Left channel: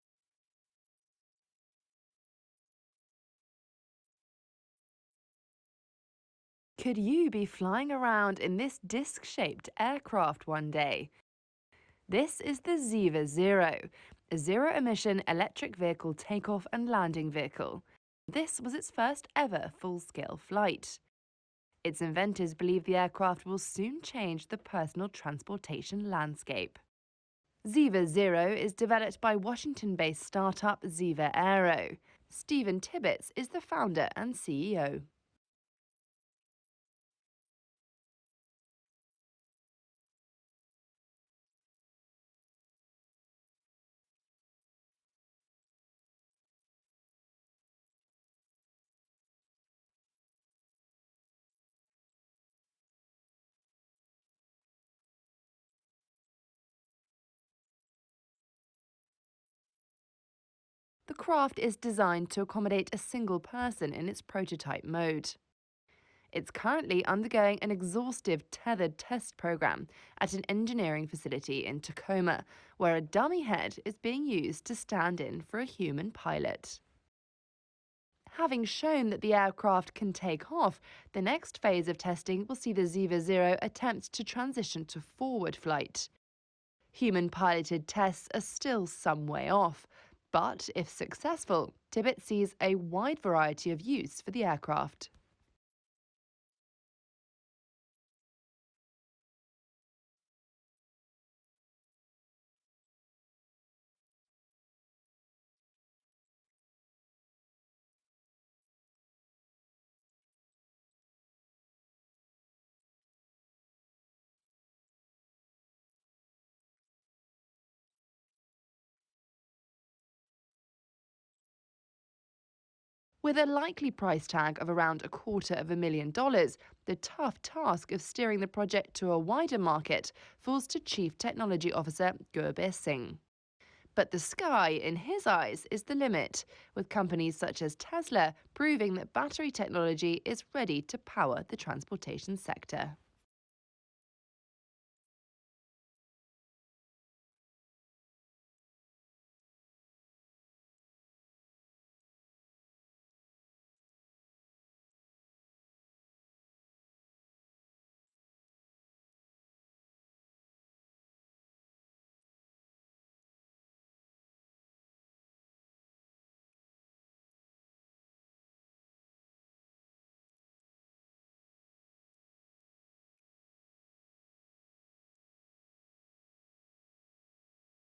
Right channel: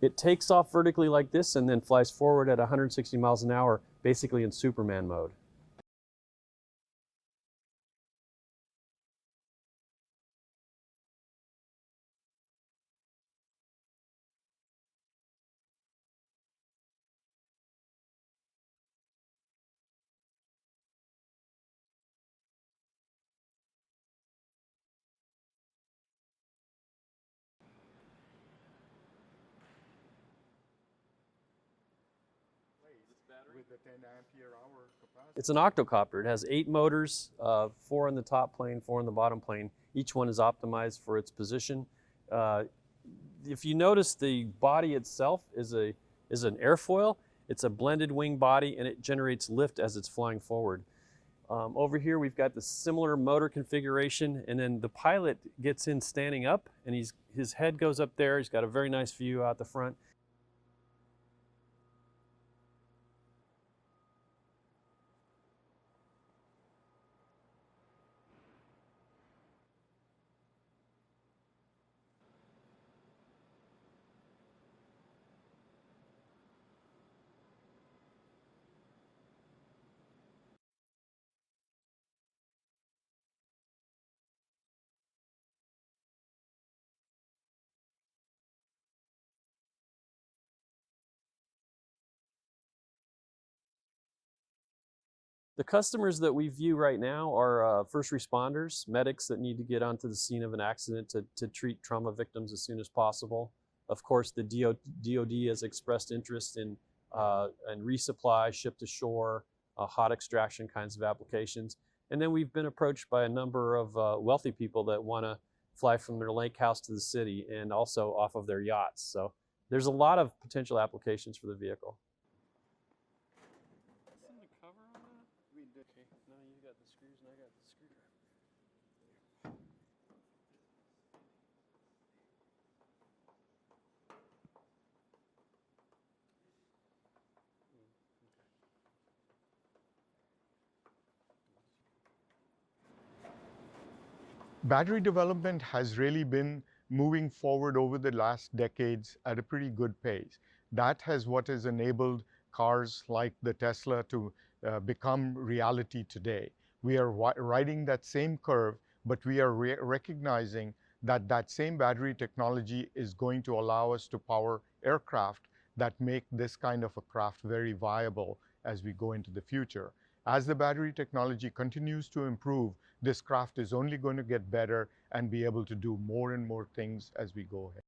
It takes off vertically like this and then flies forward at 160 miles an hour, basically in Superman mode. Could you be flying around in this disc-shaped aircraft one day? This is the Ziva Zero, a zero-emission electric vehicle takeoff and landing vehicle. This was its first ever full-scale flight. Its inventors believe the aircraft will soon change the personal transportation landscape. Ziva Zero is developed by Washington-based startup Ziva Aero. Stephen Tibbetts is the founder and CEO. It's an octocopter. It has 8 motors, 4 in the top plane, 4 in the bottom plane. Each one is optimized for its position. If you notice, the body itself is an airfoil. It's a blended wing body, and it generates lift as it's flying forward. Over here, we've got the similar motor configuration, and then the pilot gets in standing up, and his head goes up there. He's got a very nice view out the front. The craft is designed to accommodate a single person in its prototype mode. It's currently undergoing an exhaustive tethered test program at an engineering facility in Tacoma, where a dummy head is being used to stand in for a human pilot. Having shown that the aircraft can take off, the next phase of testing will see the Ziva Zero attempt to transition to forward flight. Human-piloted tests are still some way off, but if successful, Tibbetts sees a wide variety of use for the aircraft. The customers that we view right now are first responders, medics that need to get onto the scene of an accident to treat trauma victims as soon as possible. Of course, the DoD has expressed interest in resupply, ship to shore, hot extraction kinds of applications. And then we've been approached by a number of wealthy people that want to fly from their lake house to the city and also off of their yachts. So there's a lot of potential applications for the vehicle. With a likely price tag of around $250,000, the tough task of steering the project to a wider market falls to Chief Technology Officer Gurbir Singh. But the sky, in his eyes, is the limit, with companies such as Tesla proving that battery technology is ready to power the transportation sector. Battery development has really been moving forward over the last decades at a pretty good pace. That what has enabled cars like the Tesla to become reality today. We are riding that same curve, but we are recognizing that that same battery technology is going to allow us to power aircraft that make this kind of a craft very viable as we go into the future. As the battery technology continues to improve, this craft is only going to get better and be able to do more and more things as we go ahead.